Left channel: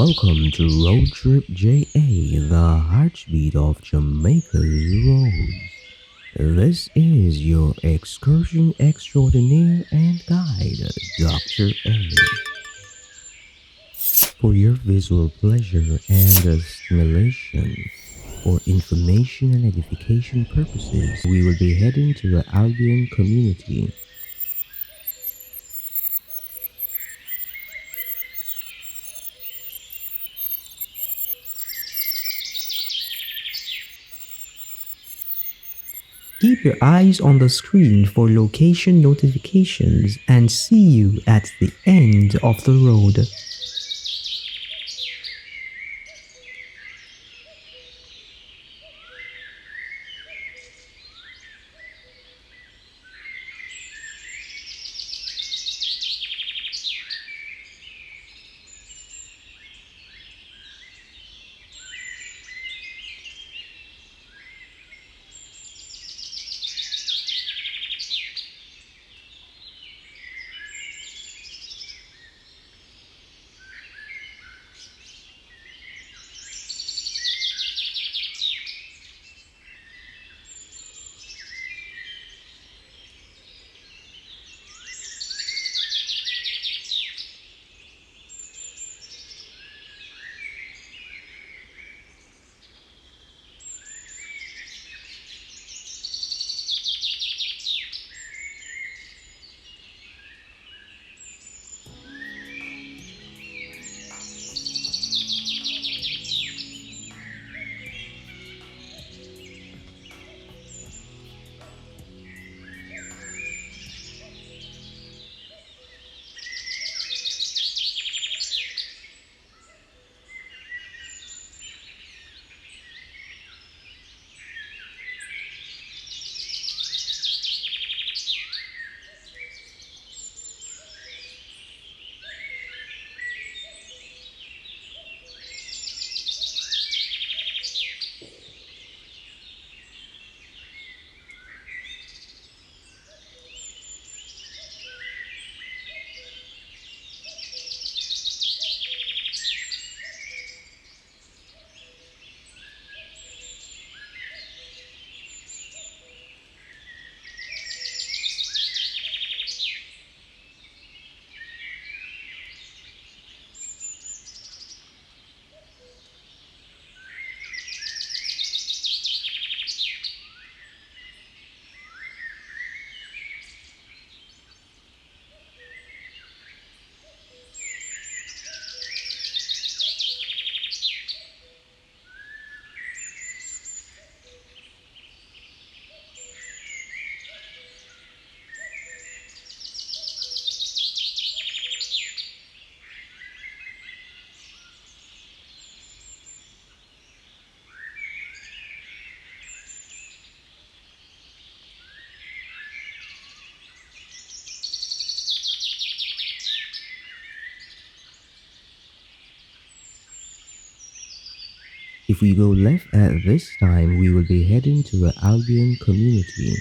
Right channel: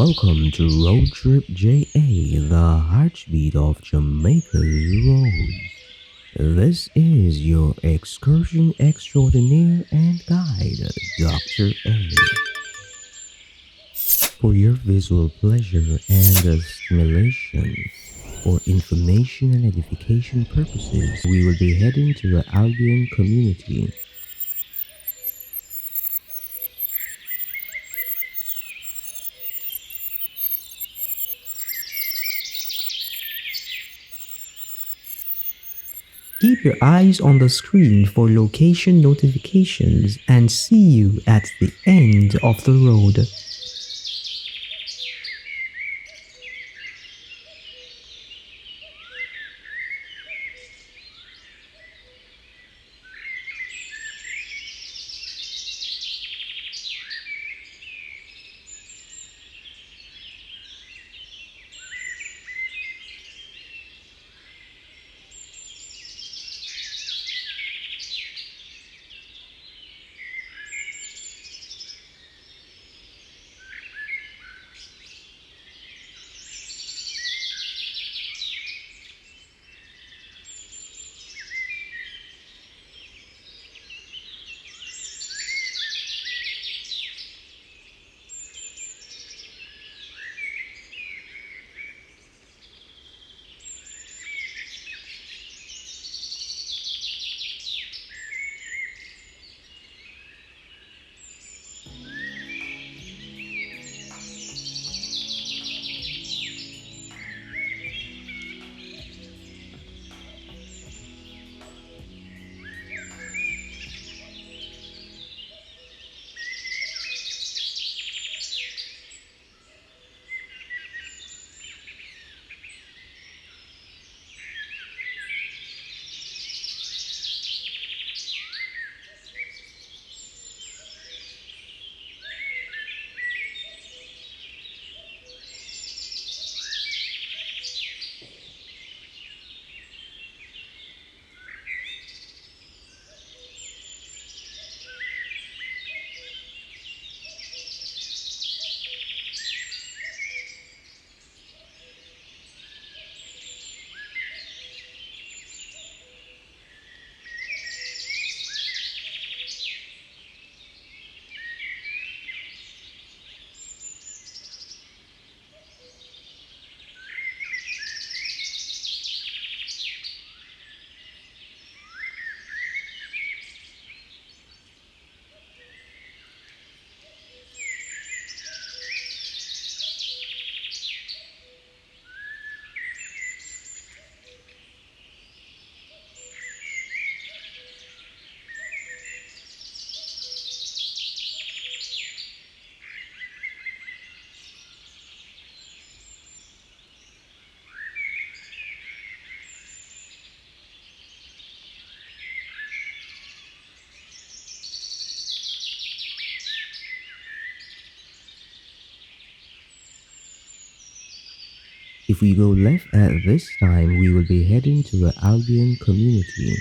welcome to Road Trip JA, the heartbeat of Jamaica's roads. This is your excursion extraordinaire and guide, Dr. A. For your visual pleasure and stimulation, for information and edification purposes, we will be heading to the Albion community. Keep your eyes on the screen for location notifications and see you at the end of the road. If we go left at this time, we will be heading to the Albion community.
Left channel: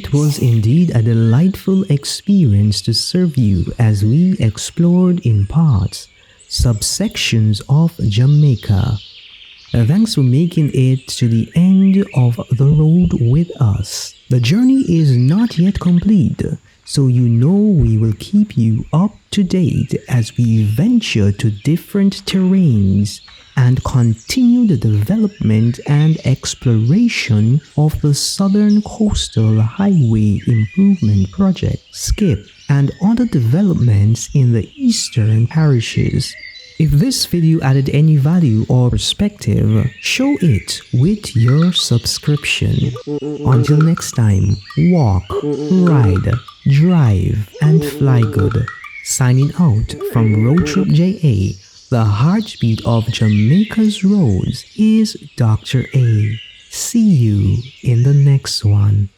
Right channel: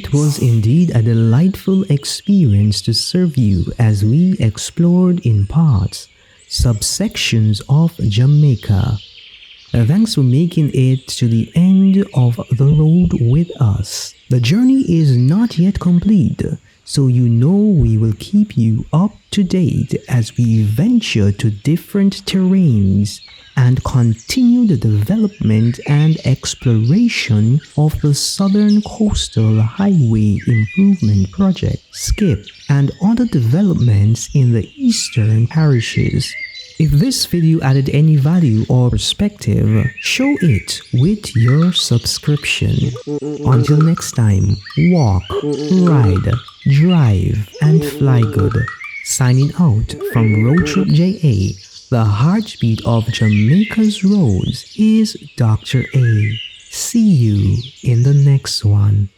It was indeed a delightful experience to serve you as we explored in parts, subsections of Jamaica. Thanks for making it to the end of the road with us. The journey is not yet complete, so you know we will keep you up to date as we venture to different terrains and continue the development and exploration of the Southern Coastal Highway Improvement Project, SCIP, and other developments in the eastern parishes. If this video added any value or perspective, show it with your subscription. Until next time, walk, ride, drive, and fly good. Signing out from Road Trip JA, the heartbeat of Jamaica's roads is Dr. A. See you in the next one.